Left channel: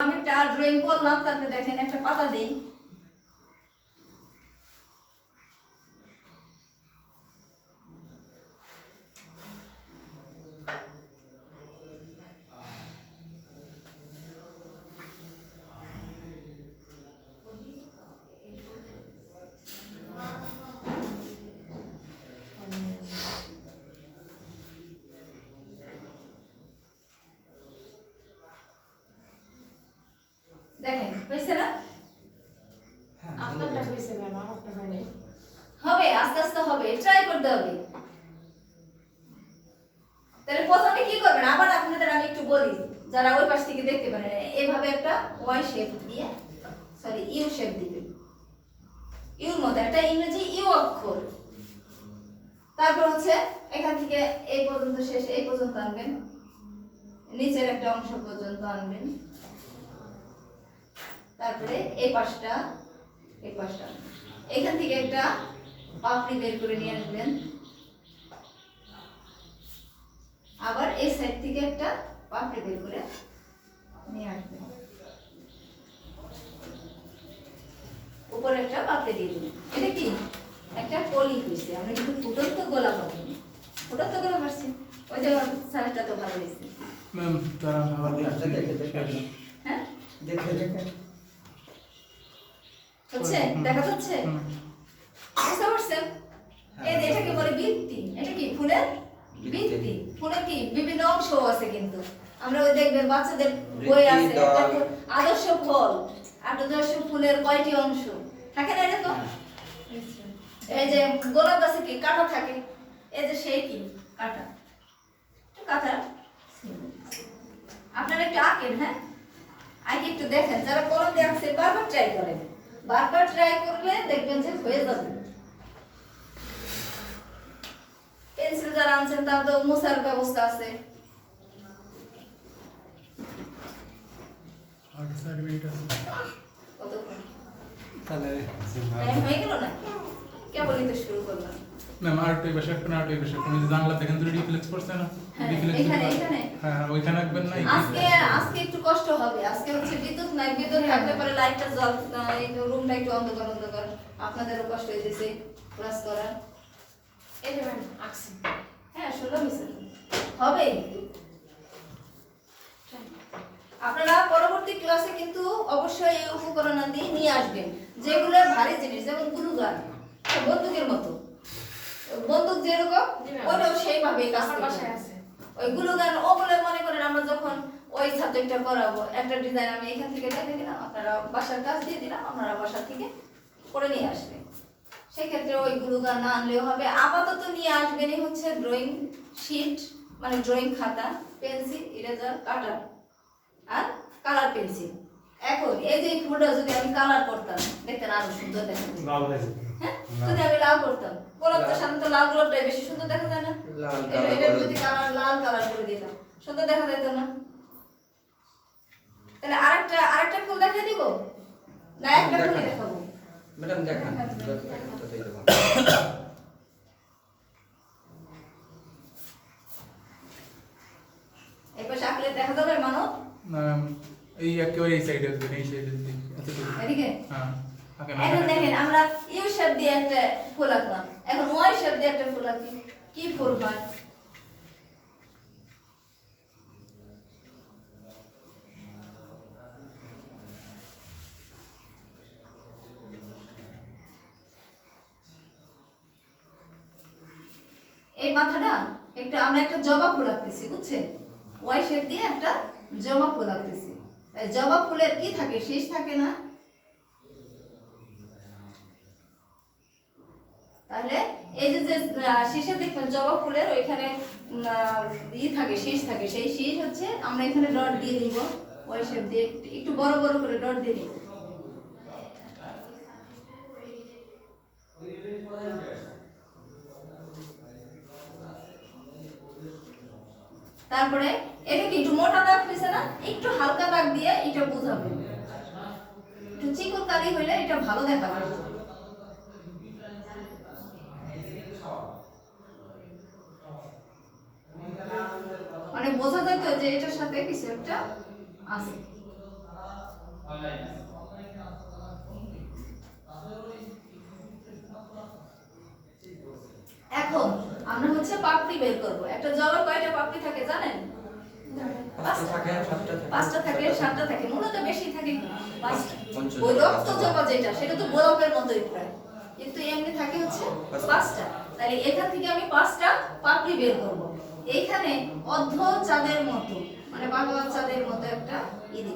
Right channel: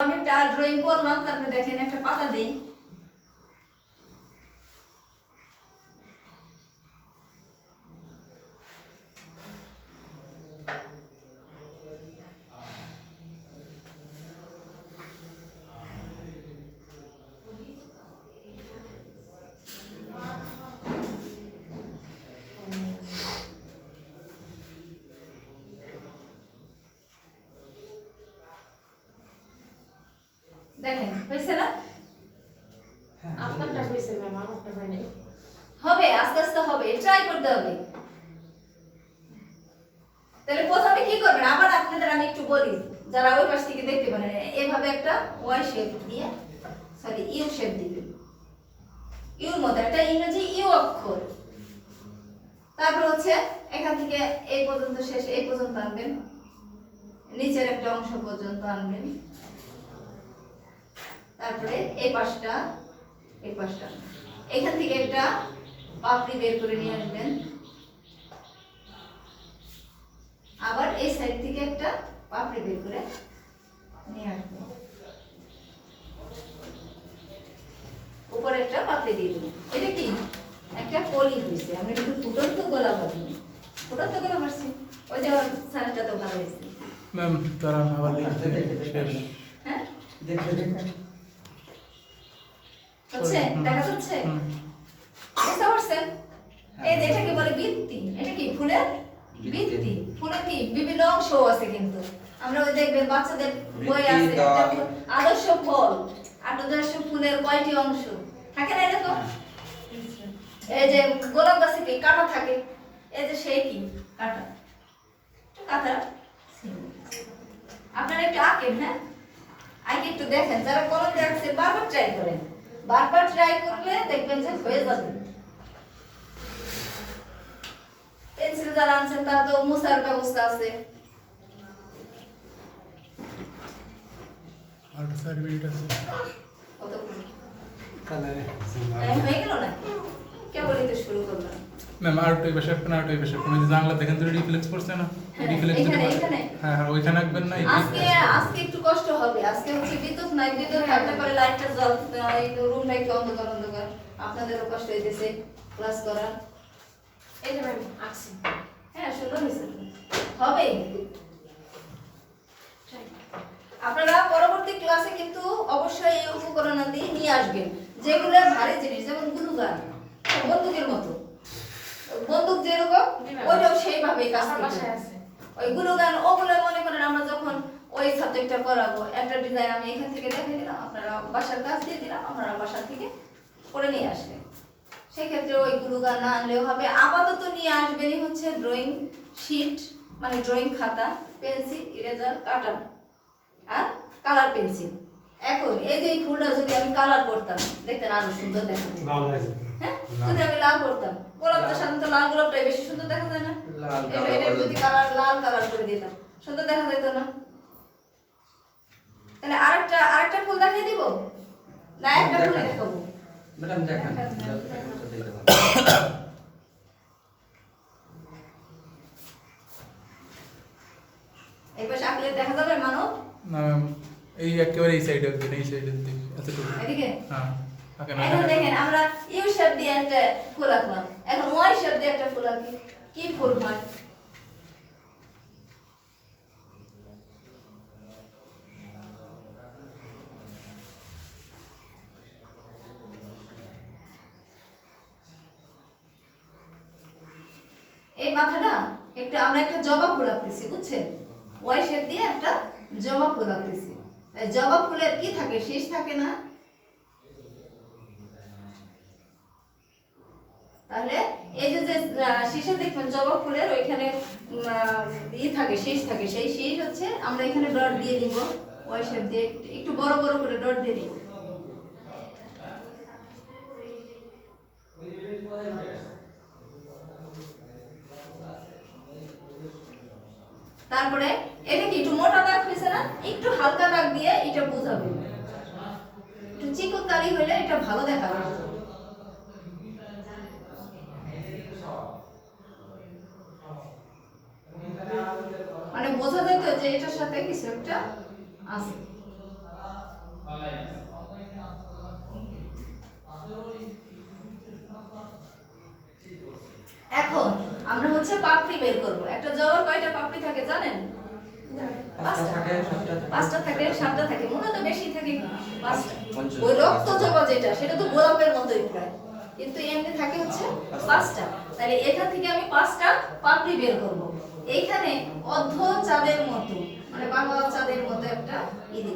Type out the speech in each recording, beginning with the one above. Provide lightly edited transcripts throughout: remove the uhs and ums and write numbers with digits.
আমি একটা ড্রয়িং করলাম, তারপরে দেখেন একটা পাতা দেই। দেখেন হয়েছে না? আপনারটা হয়েছে ম্যাম, আমারটা হয়নি। হবে, আস্তে আস্তে হবে, ট্রাই করতে হবে। তাহলে প্রথমে কি করবেন, আবার আপনাদের আমি একটু বলি, যারা ওই পাশ থেকে দেখতে পারেন, এইভাবে একটা ওয়াই শেপ দিয়ে, সরি ইউ শেপ দিবেন। ইউর মতো একটা ইংরেজি ইউ অক্ষর। তারপর হচ্ছে এখান থেকে এই পর্যন্ত শেষ, এই পর্যন্ত আনবেন, নিচের একটা অংশ পর্যন্ত আনবেন। তারপরে এই পাশটা, এই পাশটা, এখান থেকে একটা পাপড়ি বের করে নিয়ে আসবেন। আবার এই সাইড থেকে একটা পাপড়ি বের করে নিয়ে আসবেন। উপরে একটা পাপড়ি দিয়ে দেবেন। এটা কি একটা কলি হয়েছে, আমরা কিন্তু ফুটন্ত গোলাপ পাইনি, ফুটন্ত গোলাপ আসছে। ওই যে সাইজটা তো ভালো হয়েছে ম্যাম, তারা আবার হ্যাঁ, দেখে হচ্ছে দেখা যাচ্ছে, বুঝতে পারছেন? এই যে এটাকে বলে বৃত্তি। এটা কি ফুলের বৃত্তি। ফুলের কি বিভিন্ন অংশ আছে, কিন্তু আমরা ওই দেখবেন বাচ্চাদের বই আছে একটা আদর্শ ফল, আদর্শ ফুলের কয়টি অংশ থাকে না, দেখো এই যে গোলাপ গাছে কি কাঁটা থাকে, এই যে সেই কি কাঁটা, কাঁটা আপনারা একটু আঁকেন, হ্যাঁ আঁকে একটু দেখেন। যারা কলম দিয়ে আঁকছে বারবার ট্রাই করেন, বারবার ট্রাই করলে দেখবেন যে হয়ে যাবে। পেন্সিল যারা আনছেন তার তো মুছার ব্যবস্থা আছে। কতক্ষণ তাহলে হয়ে গেল না, কেবলই তো শুরু করলাম। ম্যাম, আর একটু বসে কোন আর একটু বসে কোন যে জানলা দেখেন তো রিফ্লেক্স করছে না, রিফ্লেক্স এখানে এখানে হ্যাঁ হ্যাঁ ওইখানে রাখবেন না। আজকে একটু কষ্ট হবে। আজকে হচ্ছে বিদ্যুৎ নাই, বিদ্যুৎ থাকতে পারে লাইটটা জ্বল, এই রুমটা একটু অন্ধকার অন্ধকার, আপনাদেরও কষ্ট হইতেছে ক্লাস করা। এই যে ম্যাম আসছি। হ্যাঁ সুন্দর হয়েছে, হবে। আপনারা পরবর্তী ক্লাসে কিন্তু অবশ্যই এই উপকরণাদি নিয়ে আসবেন, যেগুলো ভারী জিনিস, যেমন গ্লুগান, বন্দুকের মতো, বন্দুক যেরকম ওইটাও সেইভাবে কাজ আমার করবে। বাসায় আছে। ওই গ্লুগান ওগুলো মনে করেন আমরা যখন ওই সাবজেক্টটা করাবো, একটা ডিজাইন আমি এখান থেকে দেখে দিলাম, আপনারা বাসার কাজ দিয়ে দিলাম, আপনারা বাসা থেকে করে নিয়ে আসবেন। সেক্ষেত্রে ওই গ্লুগান না আনলেও হবে। আপাতত নিয়ে আসবেনই হচ্ছে ড্রয়িং শিট, মানে ড্রয়িং খাতা, পেন্সিল, ইরেজার, কাটার আর কালার পেন্সিল। এখন এই যে এই ফুলটা যদি আমি কালার করতাম, দেখতেন আরো সুন্দর দেখা যেত। হ্যাঁ, যদি আমি লাল করতাম, গোলাপ তো সাধারণত লাল গোলাপটাই বেশি সুন্দর দেখা যায় না? লাল এটা যদি কালার লাল কালার করে দিতাম, সুন্দর দেখা যেত না? তাহলে আরেকটা ফুল দেখিয়ে দিব না, একটা ফুলই দেখাবো? ম্যাডাম দেখান এই পাশে আঁকলে দেখা যাবে মানব? ম্যাম, এই একেবারে এই সাইডে আসবেন, এই সাইডে আচ্ছা তো এদিকে হ্যাঁ ওকে এখন দেখেন আমরা ইউ শেপ দিয়ে একটা ফুল আঁকলাম, এখন ওয়াই শেপ দিয়ে একটা ফুল আঁকি, কি ফুল হয়? এই মাথাটা আমরা একটা জবা ফুল আঁকতেছি, বুঝছেন? ওয়াই শেপ দিয়ে একটা জবা ফুল আঁকতেছি। এই জবা ফুলের কি থাকে, শীষ থাকে না? তাহলে এই যে শীষে দেখবেন জবা ফুলের ওইখানে থাকে, শীষ থাকে, সেই শীষ হচ্ছে আমরা এখানে ডট দিয়ে দিব, ওয়াই শেপ দিয়ে একটু বড় বড় করে ডট দিয়ে দিব। তারপরে এটা কি একটু মোটা দাগ হয়েছে না, একটু হালকা দাগ দিয়ে এটা বোঝাবে, একটু চিকন দাগি হইলে এটা ভালো দেখা যায়। মানে বোঝা যেত যে এটার সাথে কিছু একটা আছে। এখন আমরা হচ্ছে পাপড়ি বের করব। একটা জবার কয়টা পাপড়ি থাকে জানেন? পাঁচটা থাকে, সাতটা থাকে। 5টা থাকে, 7টা থাকে, মূলত বেশি থাকে 5টা। পঞ্চাশ। ওই রক্ত জবা যেটা সেটা তো গোলাপের মতোই প্রায়, কিন্তু এমনি থাকে হচ্ছে 5টা। তাহলে এখান থেকে আমি 5টা পাপড়ি বের করব। এইখানে অর্ধ চাঁদের মতো, মানে বাংলা চাঁদের মতো একটা দিব।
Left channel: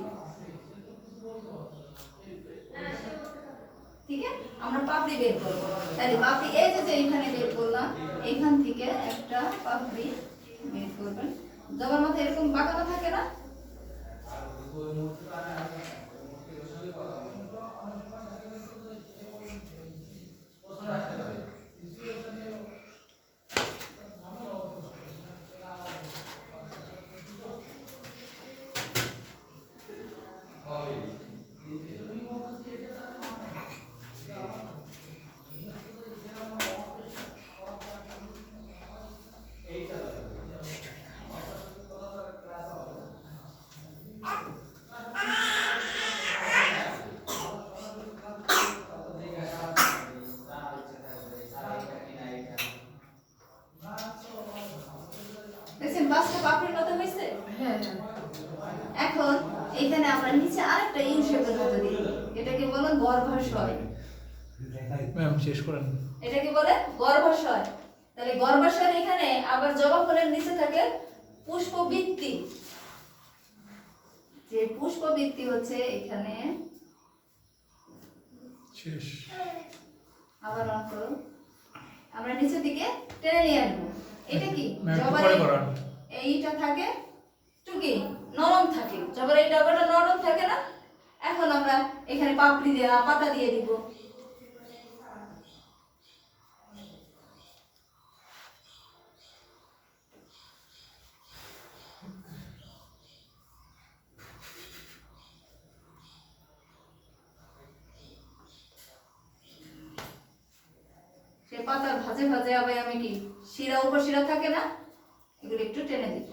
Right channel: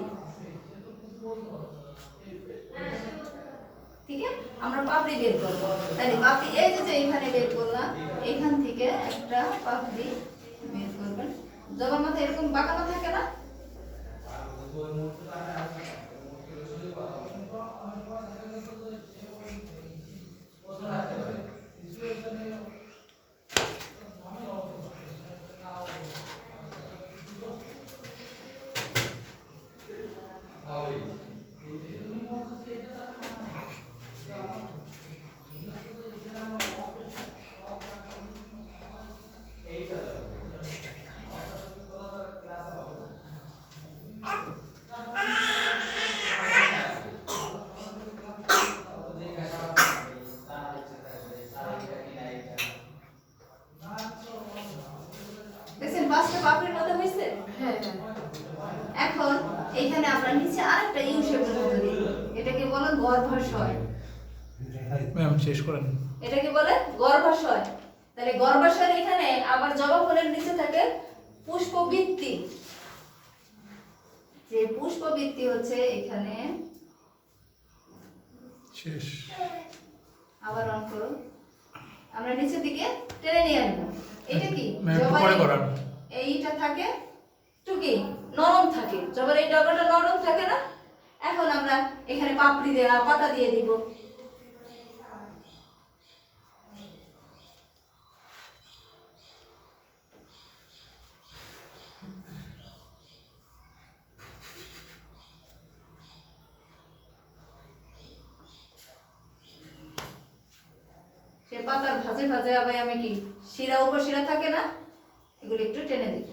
ঠিক আছে, আমরা পাপড়ি বের করব। তাহলে পাপড়ি এই যে এইখানে বের করলাম, এইখান থেকে একটা পাপড়ি বের করবেন। জবার মাথা এরকম বাঁকানো থাকে না? দেখছেন 5টা পাপড়ির মতো হয়েছে? হ্যাঁ এখন এইখানে আমরা নিচে আরেকটা ইউ শেপের মতো দিই। এটাকে বলে গর্ভাশয়। ম্যাম শেষ করেন। এটাকে বলে গর্ভাশয়। তাহলে গর্ভাশয়ের এখানে আবার জবা ফুলের নিচে থাকে পুষ্পবৃত্তি। যে পুষ্পবৃত্তি হচ্ছে এখানে, শেষ। আবার অন করুন, আমরা নিচের দিকে টেনে নিয়ে আসবো। এটা কি ম্যাম একটু জবার পরে করান। এইটা থাকে একটু কি নরম থাকে, জবার এই ডগাটা নরম থাকে না? এখন আমরা এখানে পাপড়ি দিয়ে পাতা দিয়ে দিব। সে পাতার ভাজে ভাজে আবার আমি কি শিরা উপশিরা থাকে না, এগুলো একটু টেনে দিব।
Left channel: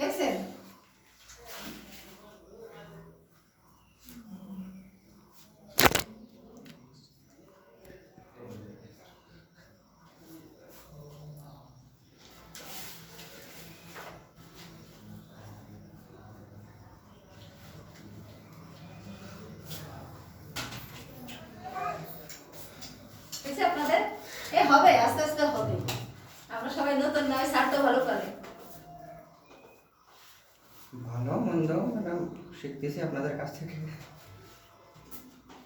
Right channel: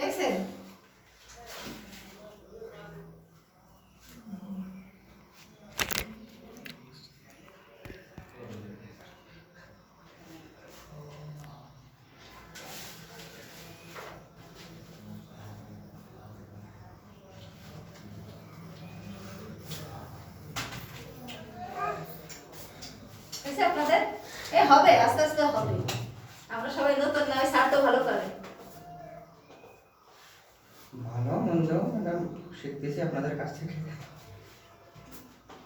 দেখছেন? দেখছে আপনাদের? এ হবে, আস্তে আস্তে হবে। আমরা সবাই নতুন নয়, স্যার তো ভালো পারে। ভালো মন্দ ম্যাডাম শিখতেছি আপনাদের কাছ থেকে,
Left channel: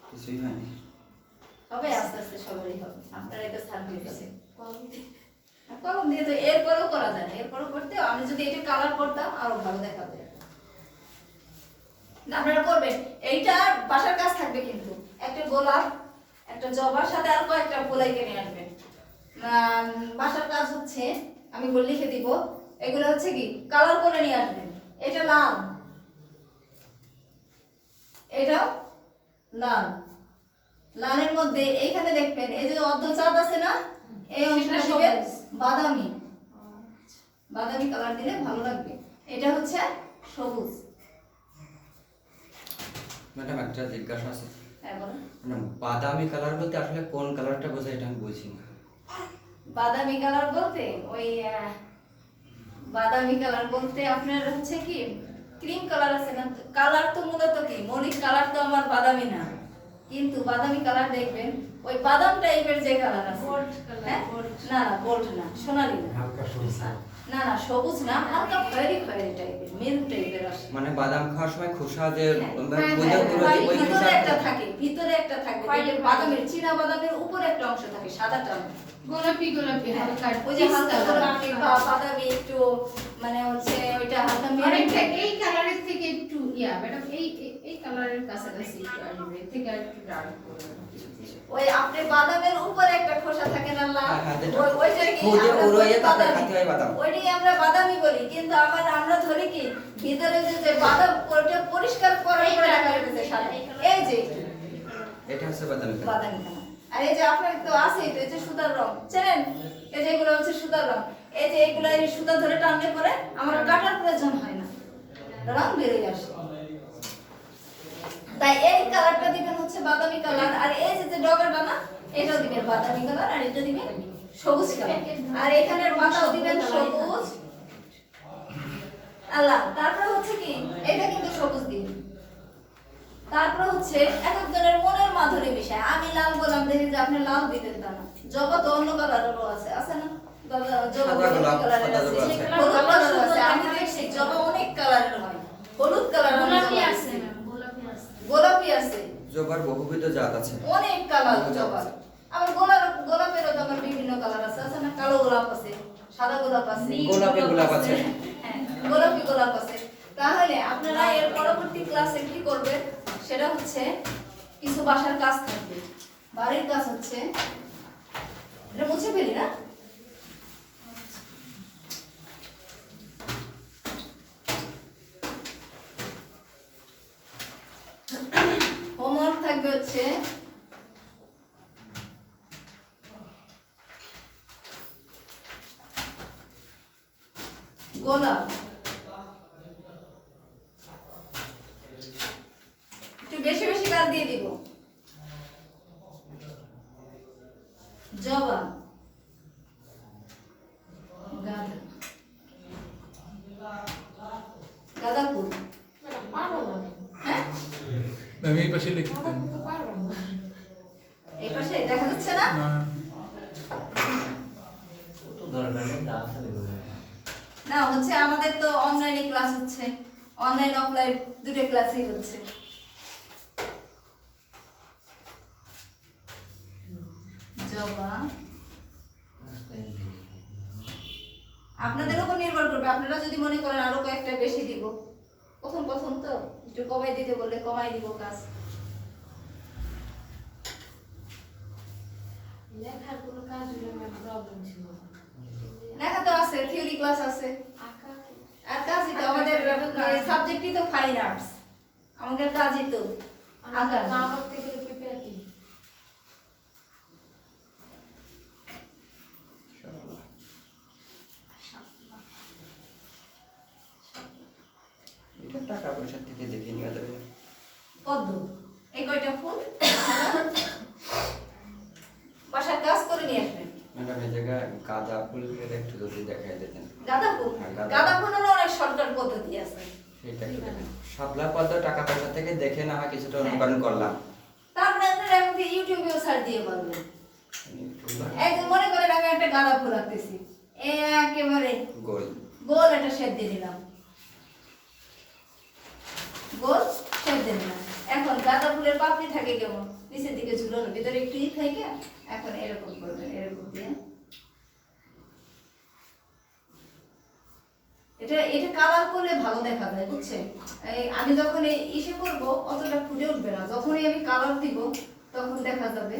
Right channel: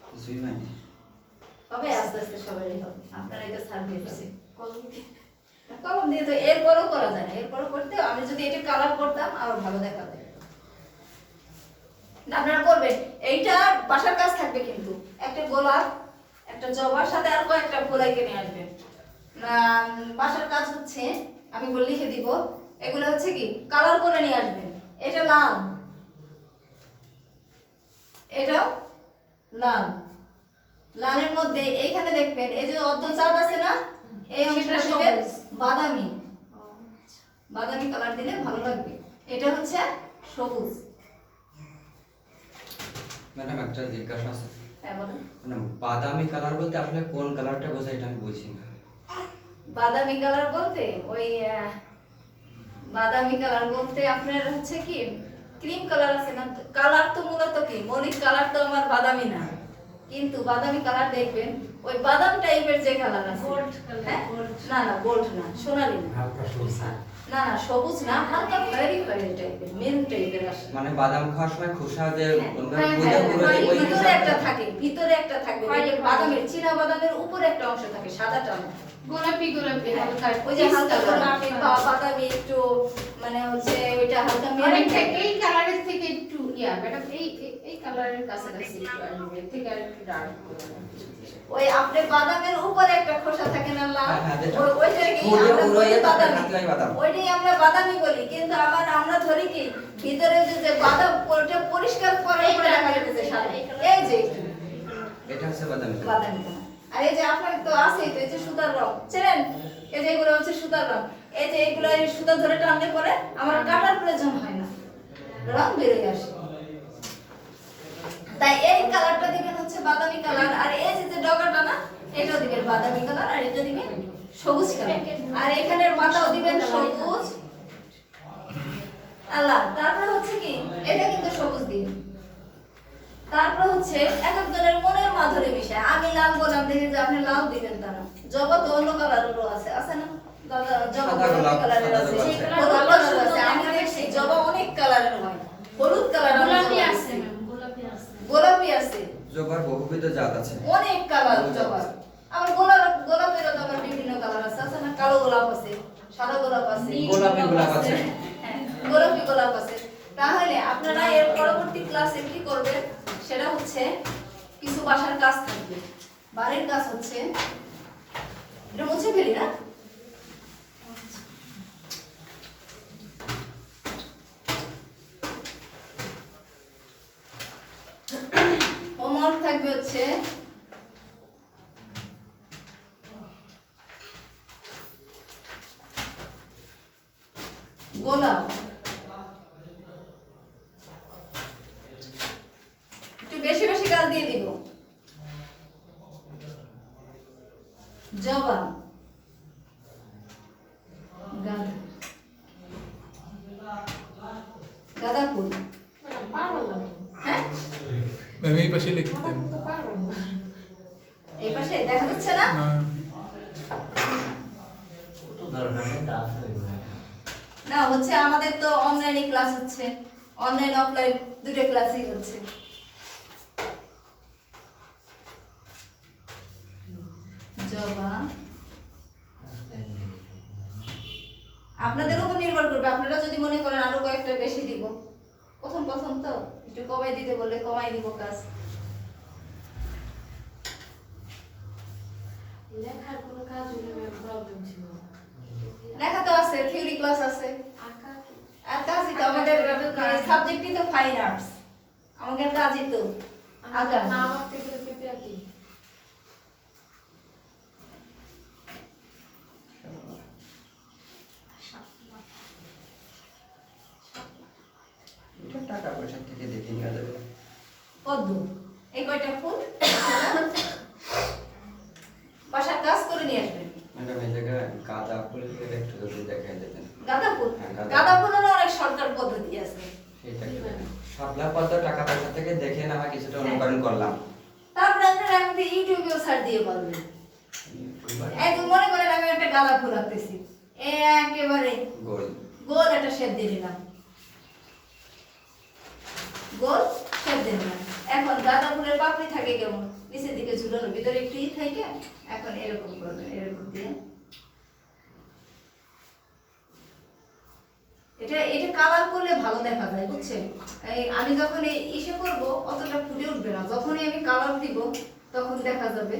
কিছুই মানে। হবে আস্তে আস্তে সবারই হবে। আপনারা এটা স্যার দিয়েছে কলম দিয়ে। কলম দিয়ে তো এরপরও করা যায় না। এরপরও করতে আমি যদি এটা কালার করতাম আরো ভালো দেখাবে। না, আপনারা করবেন এইটা বাসার কাজ থাকবে, কিন্তু একটা গোলাপ, একটা জবার সাথে আর কয়েকটা গোলাই কিনে আসবেন। বাসার কাজ হচ্ছে আমি বলে লিখে দিব, এগুলো হচ্ছে কি কালার করে নিয়ে আসবেন। এটা লাল, এটা লাল, লালের মধ্যে এইখানে দেখবেন এই যে অর্ধ চাঁদ আছে না, এই অংশটা সেটা দিবেন সবুজ। বাদামি, বাদামি কালার দিলে ভালো লাগবে। এটা হচ্ছে সবুজ। ম্যাডাম একটা জিজ্ঞাসা আছে, হ্যাঁ বলেন। ম্যাডাম বাদামি কালার বলতে আসলে কোন কালারটা বোঝায় এটা আমি বুঝি না। বাদামি কালার বলতে ওই বাদামি কালার বলতে আপনার হচ্ছে কি ক্রিম কালার আছে না, কালার তো মূলত কি মরিচ কালার তো আমার বাদামি না, কিন্তু বাদামি কালার দেখবেন ওই বাদাম টাইপের যে কালার আছে, Gold color, হ্যাঁ? gold। না না গোল্ড না, সোনালী না, হালকা সবুজ। না না সবুজ না, হালকা খয়েরি খয়েরি টাইপের, মেরুন টাইপের আসে। মানে বাদাম খাওয়ার সময় খোসা যে হ্যাঁ, ওই ভিতরে খোসা একটা থাকে, ভিতরে একটা থাকে, খয়েরি দেখবেন খয়েরি। বাদামের চীনা বাদামের উপরে একটা অংশ থাকে সাদাটা না। গোলাপি গোলাপি হালকা ওই যে হালকা পিস্তা গোলাপি কালার। বাদামি একটু, মানে হচ্ছে ওইটা হালকা অনেকটা মেরুন। এই কালারের থেকে একটু ম্যাডাম এই এই কালারের কাছাকাছি একটু আসবে, এর থেকে আর একটু ডার্ক ওই আপনি বাদামের উপরে একটা খোসা থাকে না লাল, হ্যাঁ, হ্যাঁ, ওইটাকে ওই আমরা ওই বলি তারপরে বাদামি। হাতি হয় বাদাম। ওইটাই আমরা বাদামি বলি, কিন্তু আমরা ধরি কি ভিতরে যে বাদাম ওইটা পরিষ্কার করার পরে দেখা গেছে সাদা। এই যে এটা হচ্ছে বাদামি কালার। বাদামি কালার। আর এই যে আপনার তো আছেই তো, এই যে সুতার রং চেনেন, এই যে এগুলো হচ্ছে সুতার রং। এই যে এগুলো এই সুতা ধরে টানলে পরে আমার কাটার প্রয়োজন হয় না, রং বেরিয়ে আসে। তাই এই কালারটা দিবেন হচ্ছে বাদামি কালার, আর এই যে ডগাটা না এটাও দিবেন বাদামি কালার, আর এটা দিবেন সবুজ কালার, আর এখানের মাথাও দিবেন সবুজ আল্লাহ। তারপর হচ্ছে কি এটা কিন্তু সবুজ দিন। তারপর হচ্ছে এক একজনের মনের মাধুরী বিষয়। আমি লাল বললাম দেখে যে আপনি লাল দিতেন তা না, জবা তো অন্য কালারেরও আছে, আছে না দাদা? জবা সাদা অনেক গোলাপ, কালারের সাদা আছে, গোলাপ আছে। হলুদ কালারের আছে। আমি দেখছি জবা অনেক কালারের হয়, হলুদ কালার গোলাপি আছে না, গোলাপি আছে। গোলাপি আছে, জবার বহুবিধ জাত আছে। অনেক কালার জবার। আবার গোলাপেরও তো আবার বিভিন্ন কালার আছে, আছে না? কালো গোলাপ আছে, সাদা গোলাপ আছে, গোলাপি গোলাপ আছে। হ্যাঁ, গোলাপি গোলাপ আছে। তাহলে আপনারা এর পরবর্তী ক্লাসে কি করবেন সেটা হচ্ছে কিছু বাসার কাজ থাকবে। বাড়ির কাজ হচ্ছে এটা মুছে ফেলি না, হোমওয়ার্ক থাকবে হচ্ছে গোলাপ, একটু বেশি বেশি কাজ দিয়ে দিব। জবা, গাঁদা, গাঁদা ফুল, পারবো না। হ্যাঁ আমি এই পাশে লিখতেন পারবো না। এই পাশে দেখা যাচ্ছে না? না না হচ্ছে আমাদের তো অনলাইনে ক্লাস হচ্ছে, অনলাইন অফলাইন দুটো ক্লাসই হচ্ছে। জবা আপনাদের উপর নির্ভর করবে, আপনারা যদি মনে করেন আরো কয়েকটা বেশি দিব, প্রথম প্রথম তো একটু কমাই দিতে বললে কমাই দিব কাজ। লেখার কোনো কাজ হলে আমার প্রবলেম ছিল না। লেখা তো আছে, থিওরি ক্লাস আছে, আঁকা আর কাজই তো আমাদের সাবজেক্টই তো ফাইন আর্টস, আমাদের কাজই তো আঁকা। না আঁকতে গেলে পেঁপে আঁকি। এটা টাকা পয়সা থেকে দেখে নেওয়া যাবে। পদ্ম, এই কয়টা ফুল বাসার কাজ করে নিয়ে আসবেন। ম্যাডাম এই জায়গায় গাঁদা ফুল এটা একটু যদি দেখাই দিতেন। গাঁদা ফুল, হ্যাঁ, গাঁদা। গাঁদা ফুলেরও অনেক সরকার পদ্ধতি আছে। সেটা কি শাপলা পদ্ম টাকা পয়সা থেকে দেখে না হয় কিছুটা অনুকরণ করলাম। তারপরে আপনারা এখন তো ইউটিউবেও সার্চ দিয়ে পারবেন। এই যে মনে করেন আমি একটা গাঁদা ফুল আঁকতেছি, একেবারে গোল গোল একটা শেপ দিয়ে দিলাম, গোল শেপ দিয়ে দিলাম। এখন গাঁদা ফুলের পাপড়ি থাকে কেমন নিচের দিকে ঝুলানো, ভিতরে একটু ই থাকে, এখন এরকম করবেন, এরকম দিয়ে এটা এটা কালার করলে ভালো দেখা যায়, বুঝছেন? এই আমি যখন এই ইসে করব অতটা ফুটে উঠবে না, যখনই আমি কালার দিব তখন দেখা যাবে।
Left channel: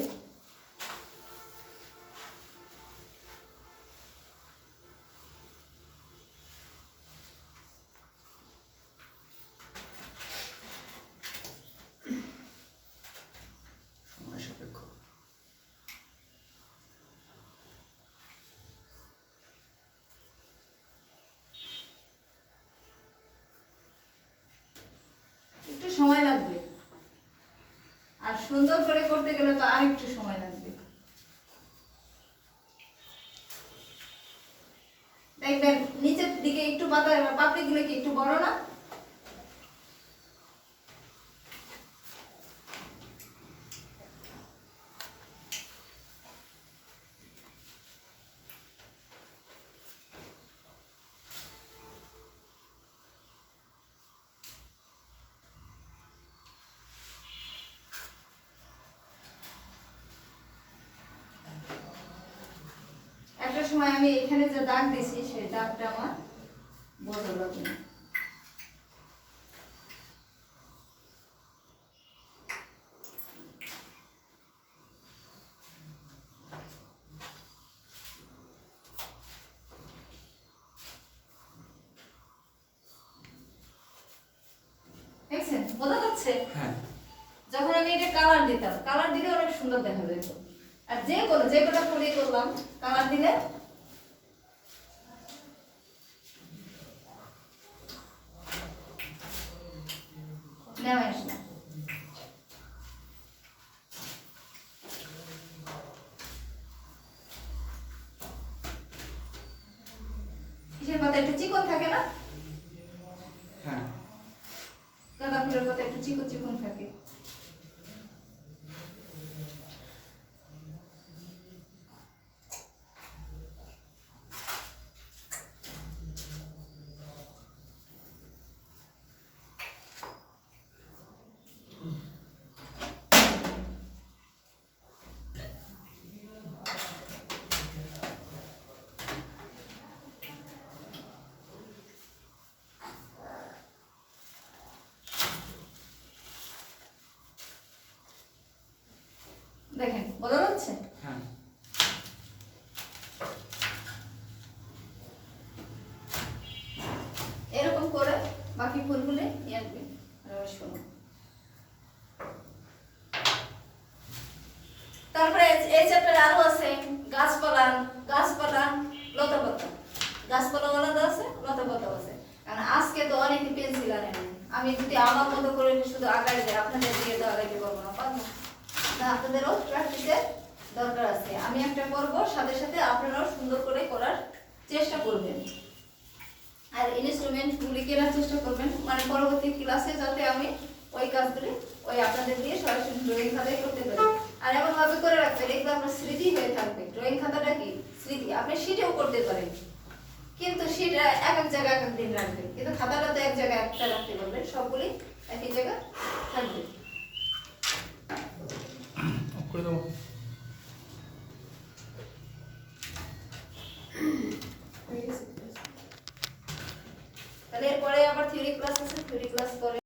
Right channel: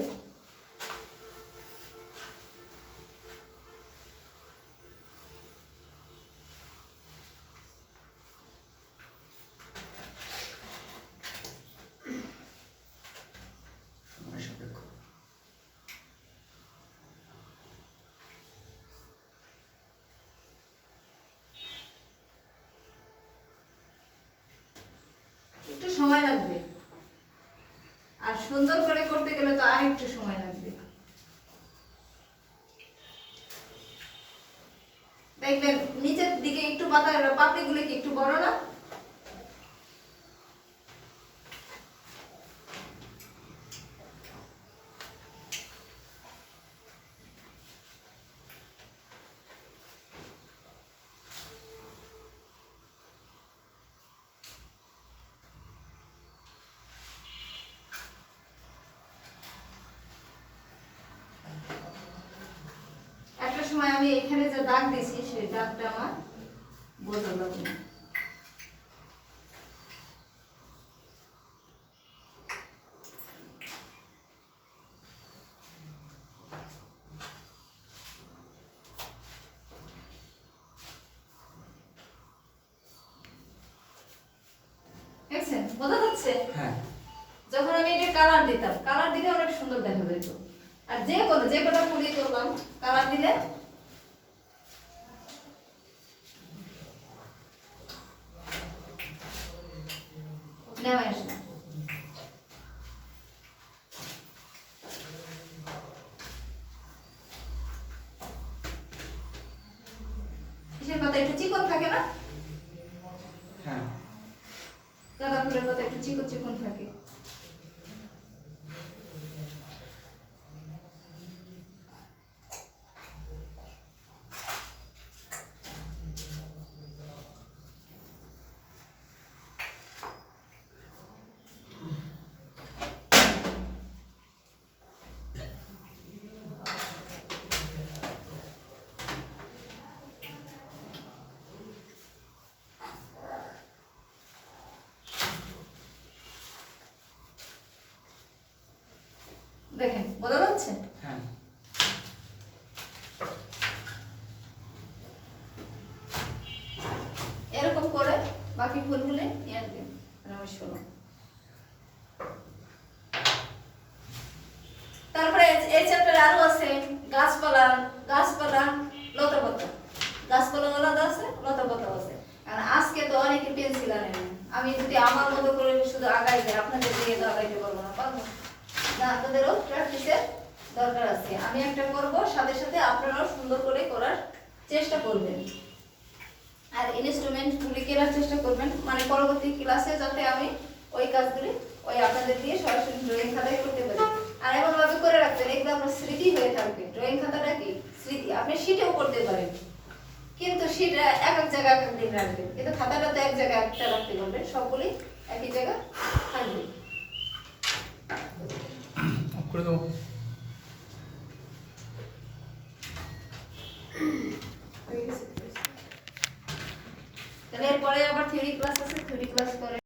সময় সাপেক্ষ। একটু সময় লাগবে, আর সুন্দর করে করতে গেলে তো আর একটু সময় লাগবে। দেখবেন নিচের দিকে একটু পাতা পাপড়িগুলো কি একটু বড় না? একটা সময় আমি এখানে যে দাগ দিছি সেই দাগটা আমার বোঝা যাবে না। বোঝা যাচ্ছে? হ্যাঁ যখন আমি এটা কালার দিতাম, কালার দিলে অনেক সুন্দর দেখা যেত। আর যে কটা ফুলই করলাম কালার দিলে নেমে আসে না। কিসের পাতা একটু চিকন থাকে না? হ্যাঁ গাঁদা ফুলের পাতা একটু চিকন চিকন থাকে। দেখেন বোঝা যাচ্ছে? হ্যাঁ এরকম করে বাকি ফুলগুলো নিয়ে আসবেন। আর আমি শোনো, তারপরে এই চ্যাপ্টারে আরো আছে গাছপালা, গাছপালা লতাপাতা, গাছপালা আলাদা আছে, লতাপাতা আছে। কারণ আজকে তো অনেকে পেন্সিল আনেন, আমি যদি আমার মতো করে শুধু আগাই দেয় আপনাদের দিয়ে তো আগাইতে পারবো না, পারবো না, আপনাদেরও প্র্যাকটিসের দরকার আছে। আমি একটা করব, সাথে সাথে আপনারাও সুন্দর করে করার চেষ্টা করবেন। আর ইনস্ট্রুমেন্টগুলি কেনার চেষ্টা করবেন, মানে পরবর্তী ক্লাসে যাতে আমি ওই কাজগুলি ওই আপনাদের দিয়ে সরাসরি ড্রয়িং খাতায় করতে পারি। আর এমনভাবে করে রাখবেন এগুলো আপনার স্মৃতি হয়ে থাকবে। ড্রয়িং খাতাটা কি স্মৃতি, আপনি শিটেও করতে পারেন, কিন্তু শিট এক এক জায়গায় এক এক দিন রাখবেন, কিন্তু খাতাটা তো এক জায়গায় একটা রাখতে পারবেন, সবগুলি একই জায়গায় থাকবে। অফ করে দেবো। তাহলে এরপরে আবার থিওরি ক্লাস আছে, থিওরি ক্লাস করে